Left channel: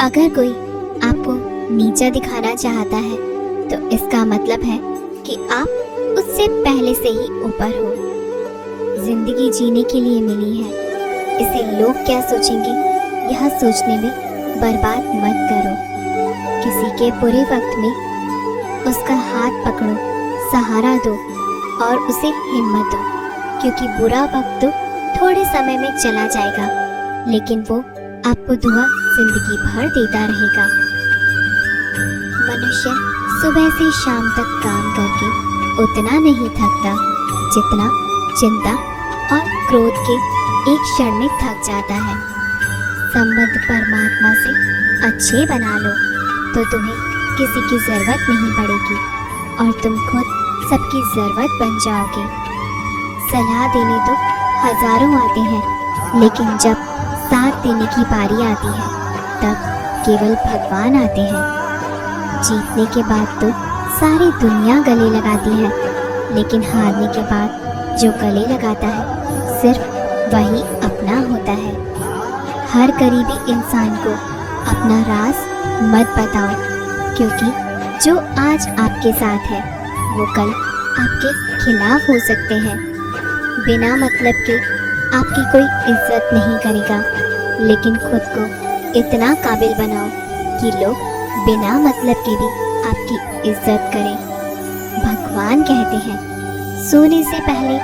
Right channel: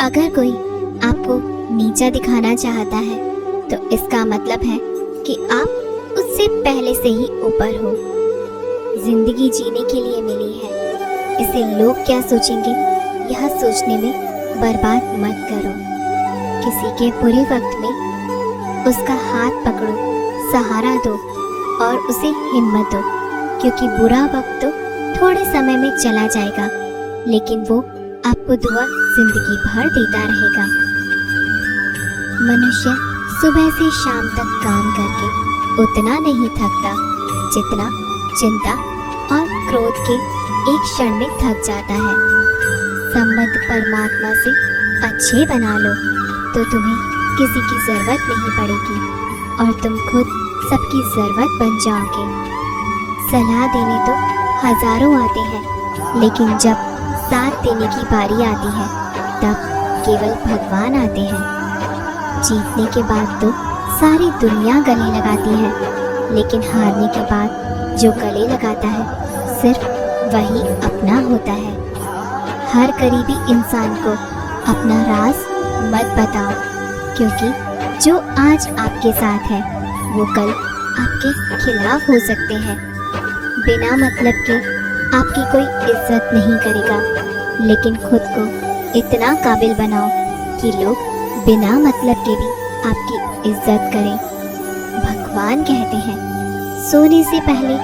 अगर कोई आपको नीचा दिखाना चाहता है तो इसका मतलब है कि आप उससे पहले से ही ऊपर हो। जिंदगी जीने के लिए मिली है, इसे लोग क्या सोचेंगे यह सोचने में बर्बाद मत करो। किसी के बुरे वक्त में उसका हाथ पकड़ो, सहारा दो और उसे हिम्मत दो, क्योंकि बुरा वक्त तो थोड़े समय में चला जाएगा, लेकिन वो आपको दुआ जिंदगी भर देता रहेगा। मनुष्य सुबह से शाम तक काम करके उतना नहीं थकता जितना चिंता और क्रोध के एक क्षण में थक जाता है। संबंध परमात्मा से अच्छे बना लो तो तुम्हें किसी की जरूरत नहीं पड़ेगी और तुम खुद सबकी जरूरत बन जाओगे। सलाह देने तो हजारों आते हैं, लेकिन जब साथ देने की बारी आती है तब केवल भगवान आते हैं। जीतने के बाद तो सारी दुनिया गले लगाती है, लेकिन हारने के बाद जो गले लगाता है सिर्फ वही अपना होता है। हर करीबी इंसान को अपना राज मत बताओ, क्योंकि जो आज आपके साथ है वो कल आपके खिलाफ हो सकते हैं। बिना मतलब के आपकी कोई इज्जत नहीं करेगा, लेकिन खुद को इतना काबिल बनाओ कि लोग बिना मतलब के भी आपकी इज्जत करें। भगवान कहते हैं सोने से पहले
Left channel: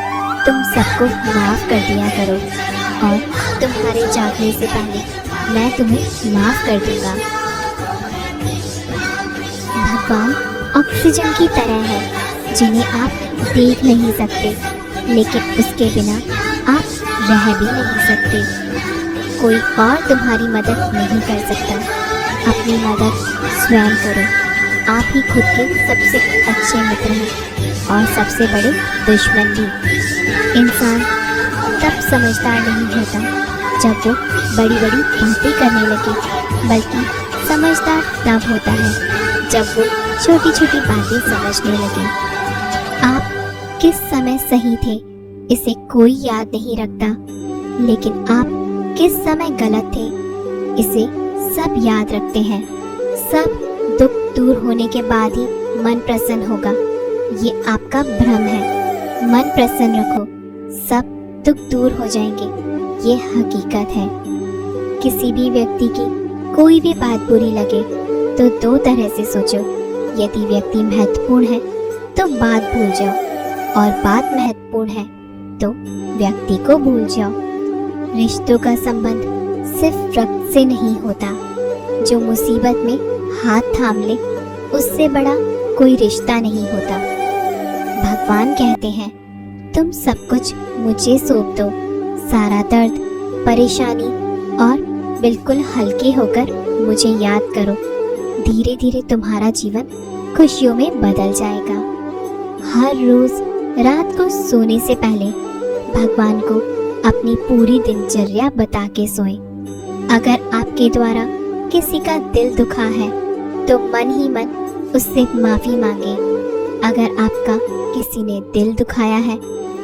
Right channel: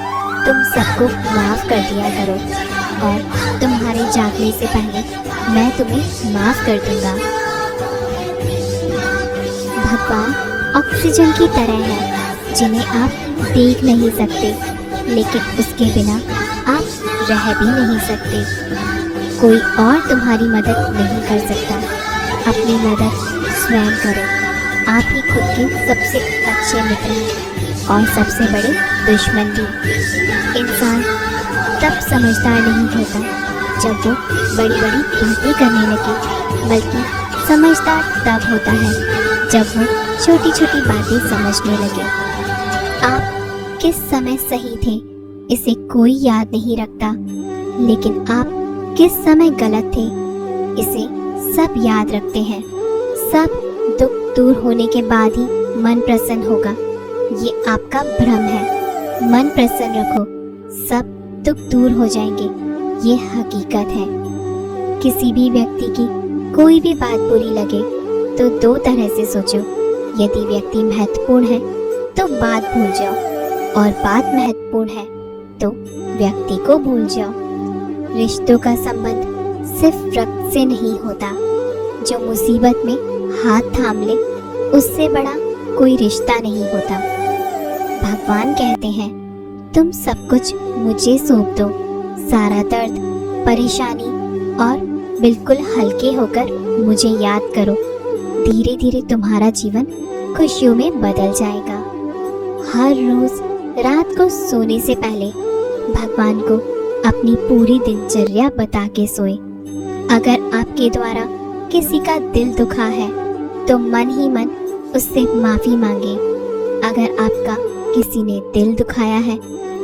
तुम सबको माफ कर दिया करो और तुम्हारे जागने से पहले मैं तुम्हें माफ कर दूंगा। भगवान ऑक्सीजन की तरह है जिन्हें आप देख नहीं सकते, लेकिन उसके बिना आप रह भी नहीं सकते। कोई और तुम्हारी मदद नहीं कर सकता, अपनी मदद स्वयं करो। आप ही खुद के सबसे अच्छे मित्र हैं और सबसे बड़े दुश्मन भी। इंसान तब समझदार नहीं होता जब वो बड़ी बड़ी बातें करने लगे, बल्कि समझदार तब होता है जब वो छोटी छोटी बातें समझने लगे। आप किस समय सही थे इसे कोई याद नहीं रखता, लेकिन आप किस समय गलत थे इसे सब याद रखते हैं। सब दुख दूर होने के बाद ही मन प्रसन्न होगा, ये आपका भ्रम है। मन प्रसन्न रखो, सब दुख दूर हो जाएंगे, ये हकीकत है। किसी भी व्यक्ति की कोई भी बात बुरी लगे तो दो तरह से सोचो। यदि व्यक्ति महत्वपूर्ण है तो बात भूल जाओ, और बात महत्वपूर्ण है तो व्यक्ति को भूल जाओ। रिश्तों का संबंध सिर्फ रक्त से नहीं होता। जो मुसीबत में हाथ थाम ले उससे बड़ा कोई रिश्ता नहीं होता। भगवान कहते हैं तुम सब कुछ मुझे सौंप दो, सारा दर्द परेशानी, और बिल्कुल हल्के होकर मुझे याद करो। धीरे धीरे तुम्हारा जीवन खुशियों में बदल जाएगा। हर रोज रात को सोने से पहले भगवान को अपनी पूरी दिनचर्या बता के सोए। अगर आपके द्वारा किसी का दिल दुखा है तो मन ही मन उससे माफी मांगे। अगर आपका किसी ने दिल दुखाया है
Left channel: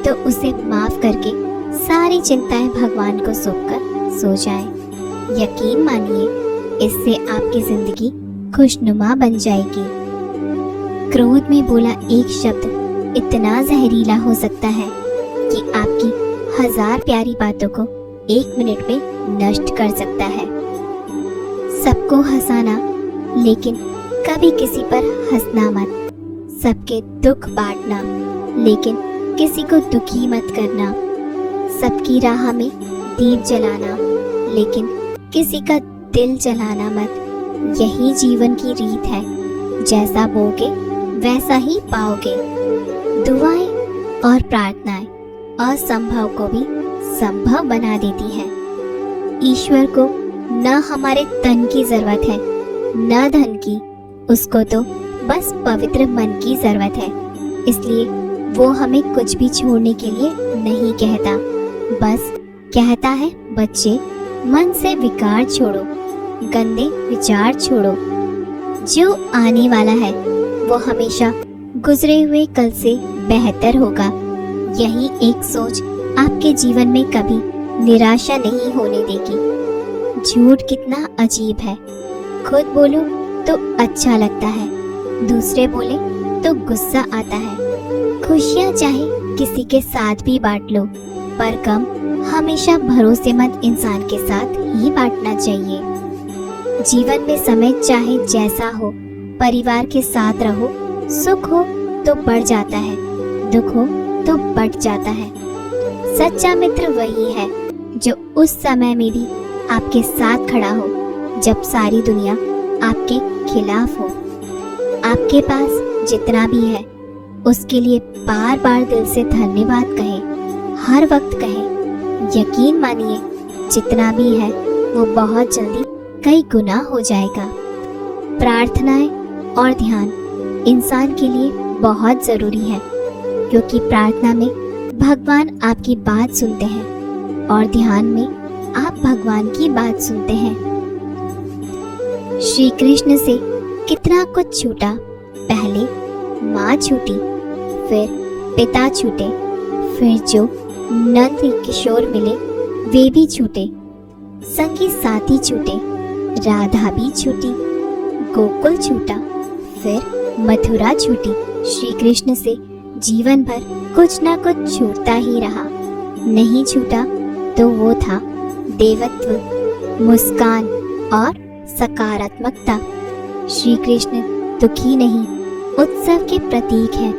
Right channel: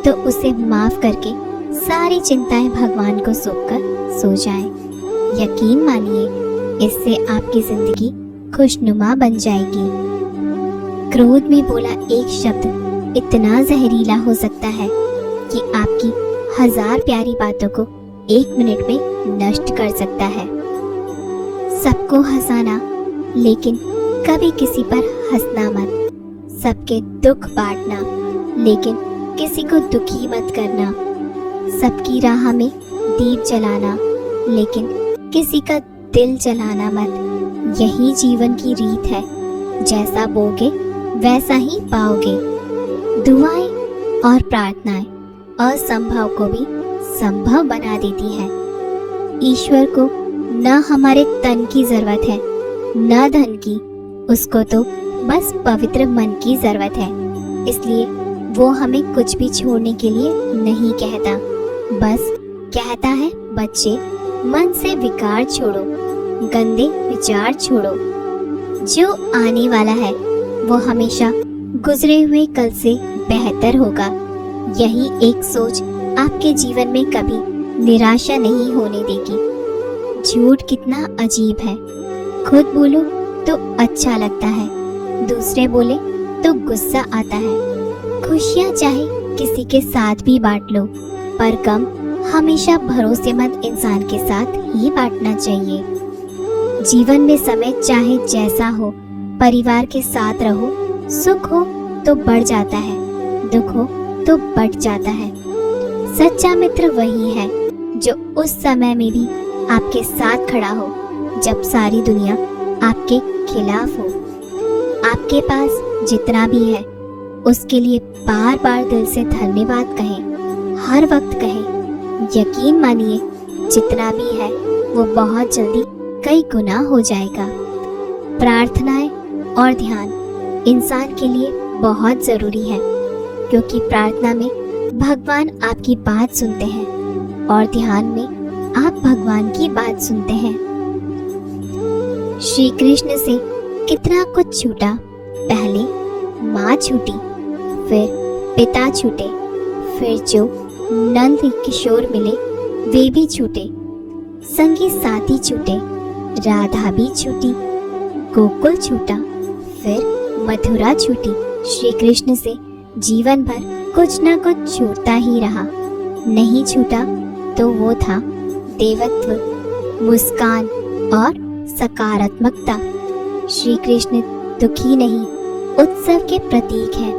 तो उसे माफ करके सारी चिंताएं भगवान को सौंपकर सो जाएं। यकीन मानिए, इससे आपकी जिंदगी खुशनुमा बन जाएगी। क्रोध में बोला एक शब्द इतना जहरीला हो सकता है कि आपकी 1000 प्यारी बातों को 1 मिनट में नष्ट कर सकता है। सबको हंसाना, लेकिन कभी किसी पर हंसना मत। सबके दुख बांटना, लेकिन किसी को दुखी मत करना। सबकी राह में दीप जलाना, लेकिन किसी का दिल जलाना मत। यही जीवन की रीत है, जैसा बोगे वैसा ही पाओगे। दुआएं और प्रार्थनाएं असंभव को भी संभव बना देती है। ईश्वर को न हमारे तन की जरूरत है न धन की, उसको तो बस पवित्र मन की जरूरत है। इसलिए वो हमें कुछ भी छोड़ने के लिए नहीं कहता, बस कहता है बच्चे मन से विकार छोड़ो, गंदे विचार छोड़ो। जो आने वाला है वो हमेशा गुजरे हुए कल से बेहतर होगा। यही एक सोच आपके जीवन में कभी निराशा नहीं होने देगी। झूठ कितना अजीब है, खुद बोलो तो अच्छा लगता है, दूसरे बोले तो गुस्सा आता है। खुशियाँ चाहे किसी के साथ भी बांट लो, पर गम हमेशा भरोसेमंद इंसान के साथ ही बांटना चाहिए। जीवन में समय चाहे जैसा हो, परिवार के साथ रहो, सुख हो तो बढ़ जाता है, दुख हो तो बढ़ जाता है। सच्चा मित्र वही है जो उस समय में भी आपके साथ खड़ा हो जब सारी दुनिया आपके खिलाफ हो। आपके पास जितना भी है उसके लिए बार बार दिल से धन्यवाद कहें, हर वक्त कहें। यकीन मानिए जितना भी है वो बहुत जल्दी कई गुना हो जाएगा। प्रार्थनाएं और ध्यान इंसान के लिए बहुत जरूरी है, क्योंकि प्रार्थना में भगवान आपकी बात सुनते हैं और ध्यान में आप भगवान की बात सुनते हैं। श्री कृष्ण से कितना कुछ छूटा। पहले माँ छूटी, फिर पिता छूटे, फिर जो नंद किशोर मिले वे भी छूटे, संगी साथी छूटे, राधा भी छूटी, गोकुल छूटा, फिर मथुरा छूटी। श्री कृष्ण से जीवन भर कुछ ना कुछ छूटता ही रहा। नहीं छूटा तो वो था देवत्व, मुस्कान और सकारात्मकता। श्री कृष्ण दुखी नहीं, उत्सव के प्रतीक है।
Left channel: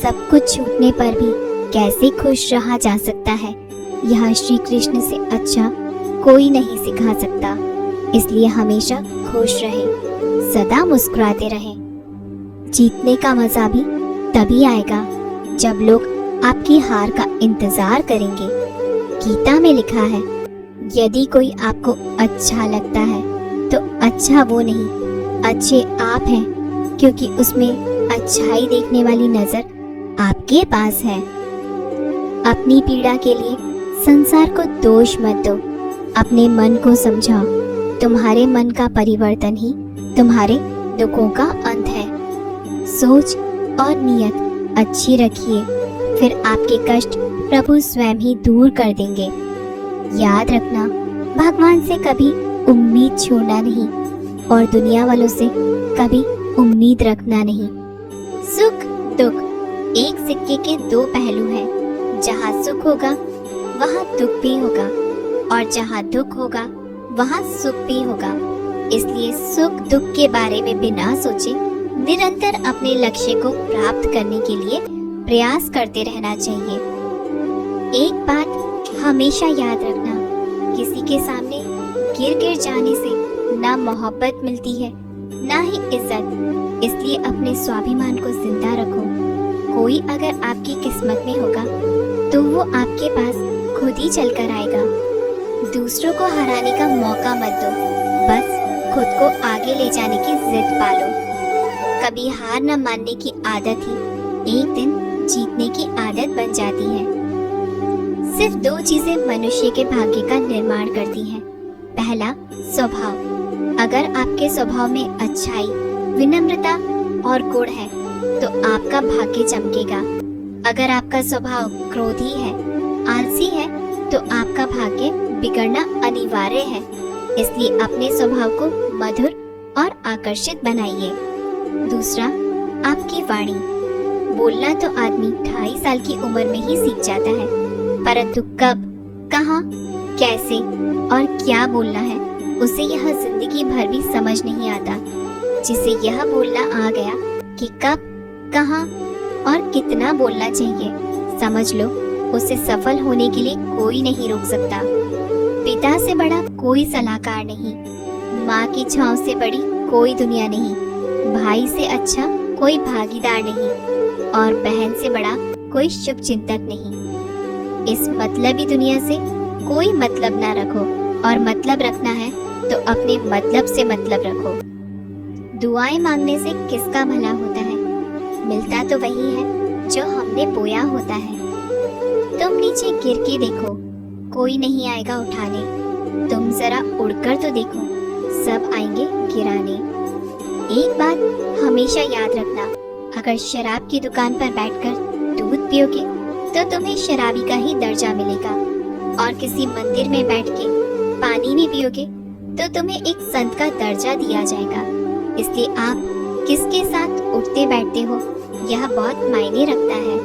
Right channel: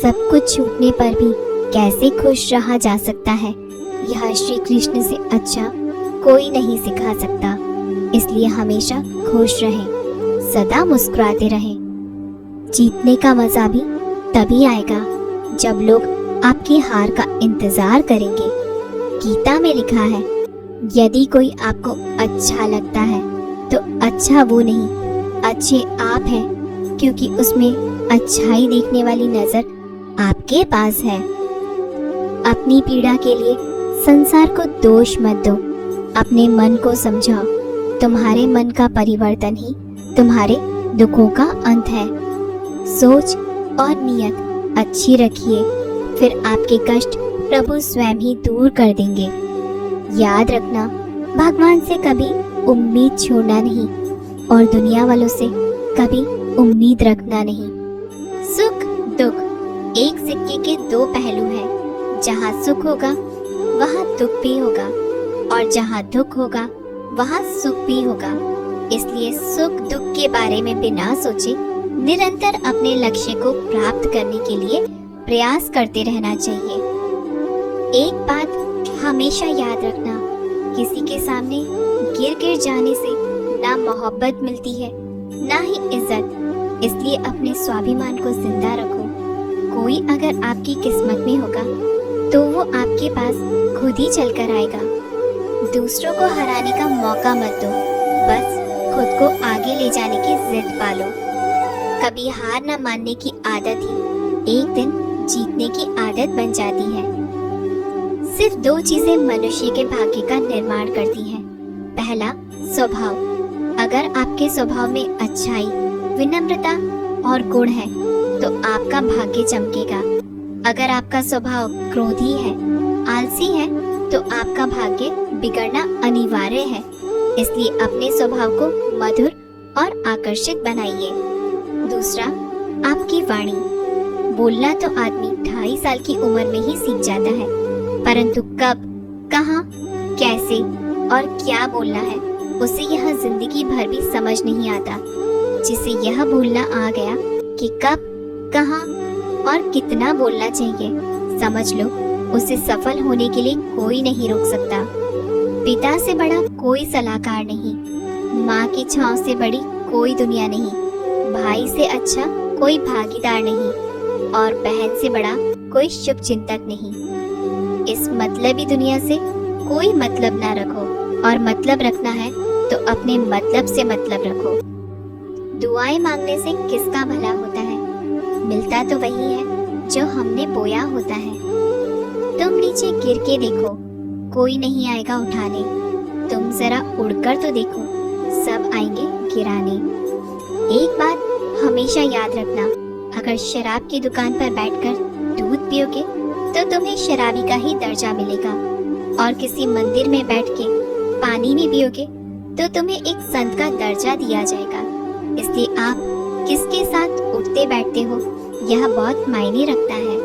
सब कुछ छूटने पर भी कैसे खुश रहा जा सकता है, यह श्री कृष्ण से अच्छा कोई नहीं सिखा सकता। इसलिए हमेशा खुश रहें, सदा मुस्कुराते रहें। जीतने का मजा भी तभी आएगा जब लोग आपकी हार का इंतजार करेंगे। गीता में लिखा है, यदि कोई आपको अच्छा लगता है तो अच्छा वो नहीं, अच्छे आप हैं, क्योंकि उसमें अच्छाई देखने वाली नजर आपके पास है। अपनी पीड़ा के लिए संसार को दोष मत दो, अपने मन को समझाओ। तुम्हारे मन का परिवर्तन ही तुम्हारे दुखों का अंत है। सोच और नियत अच्छी रखिए, फिर आपके कष्ट प्रभु स्वयं ही दूर कर देंगे। याद रखना, भगवान से कभी उम्मीद छोड़ना नहीं और दुनिया वालों से कभी उम्मीद रखना नहीं। सुख दुख एक सिक्के के दो पहलू हैं। जहाँ सुख होगा वहाँ दुख भी होगा, और जहाँ दुख होगा वहाँ सुख भी होगा। इसलिए सुख दुख के बारे में बिना सोचे निरंतर अपने लक्ष्य को प्राप्त करने के लिए प्रयास करते रहना चाहिए। एक बात हमेशा याद रखना, किसी के सामने गिर जाने से ना मोहब्बत मिलती है ना ही इज्जत। इसलिए अपने स्वाभिमान को जिंदा रखो। कोई अगर आपकी किस्मत में होगा तो वो आपके पास खुद ही चल कर आएगा। दूसरों को हराने का मौका मत दो, बस खुद को आगे ले जाने की जिद पालो। कभी हार न मानने की आदत ही एक दिन जीतने की आदत बन जाती है। सिर्फ दो चीजें मनुष्य के भाग्य का निर्माण करती हैं। पहला, स्वभाव। अगर आपके स्वभाव में अच्छाई, विनम्रता और गुण है तो आपका भाग्य चमकेगा। अगर आपका स्वभाव क्रोधी है, आलसी है तो आपका भाग्य बिगड़ना अनिवार्य है। इसलिए अपने स्वभाव को मधुर और आकर्षित बनाइए। दूसरा, आपकी वाणी। बोलना तो आदमी 2.5 साल की उम्र में ही सीख जाता है, परंतु कब, कहाँ, कैसे और क्या बोलना है उसे यह जिंदगी भर भी समझ नहीं आता। जिसे यह भूलना आ गया कि कब, कहाँ और कितना बोलना चाहिए, समझ लो उसे सफल होने के लिए कोई नहीं रोक सकता। पिता से बड़ा कोई सलाहकार नहीं, माँ की छांव से बड़ी कोई दुनिया नहीं, भाई से अच्छा कोई भागीदार नहीं और बहन से बड़ा कोई शुभ चिंतक नहीं। इस मतलबी दुनिया से कोई मतलब ना रखो, और मतलब रखना है तो अपने मतलब से मतलब रखो। दुआएं मांगने से किसका भला होता है? मिलता तो वही है जो हमने बोया होता है। तुम नीचे गिर के देखो, कोई नहीं आएगा उठाने। तुम जरा उड़कर तो देखो, सब आएंगे गिराने। एक बात हमेशा याद रखना, अगर शराब की दुकान पर बैठकर दूध पियोगे तो तुम्हें शराबी का ही दर्जा मिलेगा, और किसी मंदिर में बैठ के पानी भी पियोगे तो तुम्हें एक संत का दर्जा दिया जाएगा। इसलिए आप किसके साथ उठते बैठते हो यह बहुत मायने रखता है।